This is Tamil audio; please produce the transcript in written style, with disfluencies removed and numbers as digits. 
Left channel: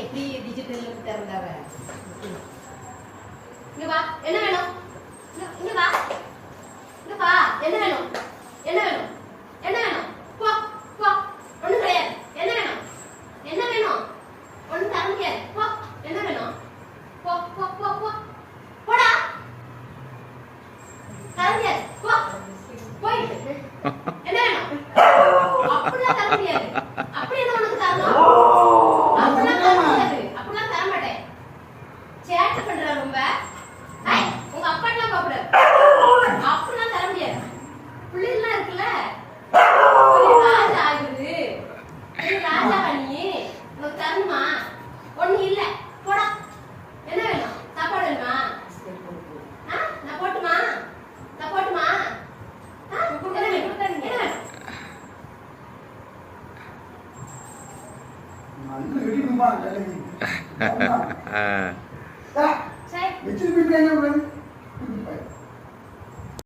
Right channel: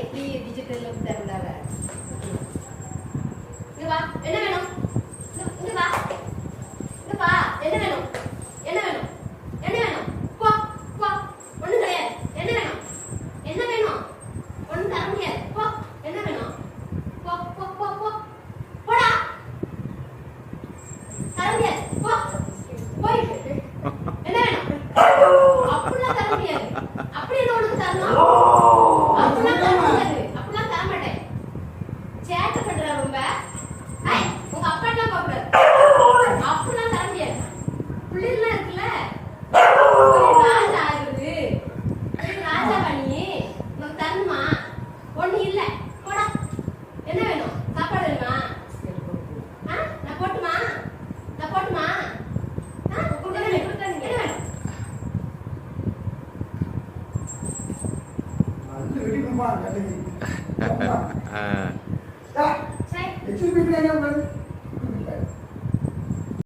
எப்படி டிஜிட்டல் திறந்தாவ. இங்க வா, என்ன வேணும்? இங்க வா, இங்க வா, என்ன வேணும்? என்ன வேணும்? என்ன வேணும்? போ போ, ஒண்ணும் கிடையாது. என்ன வேணும்? என்ன வேணும்? ஒண்ணும் தர முடியாது. போ, என்ன வேணும்? போ போ போ போ, போடா, தர முடியாது. போ, போயிட்டு என்ன வேணும்? அப்படிலாம் தர முடியாது. அப்படி என்ன உனக்கு தரணும்? அப்படிலாம் தர முடியாது. அப்படிலாம் தர மாட்டேன். சேட்டை பண்ற ரொம்ப. ஐய், உங்க அப்பாட்டெல்லாம் பாக்குற. அப்படிலாம் தர முடியாது. பிள்ளைலாம் இருக்குல்ல, ராஜா ஆகுது. ராஜா நீ உனக்கு தரணுமா? ஒண்ணு இல்ல. போடா, என்ன வேணும்? சாப்பாடு வேணுமா? நான் போட்டுமா? நான் போட்டுமா? என்ன வேணும்? என்ன வேணும்? Nah, kecil pipi yang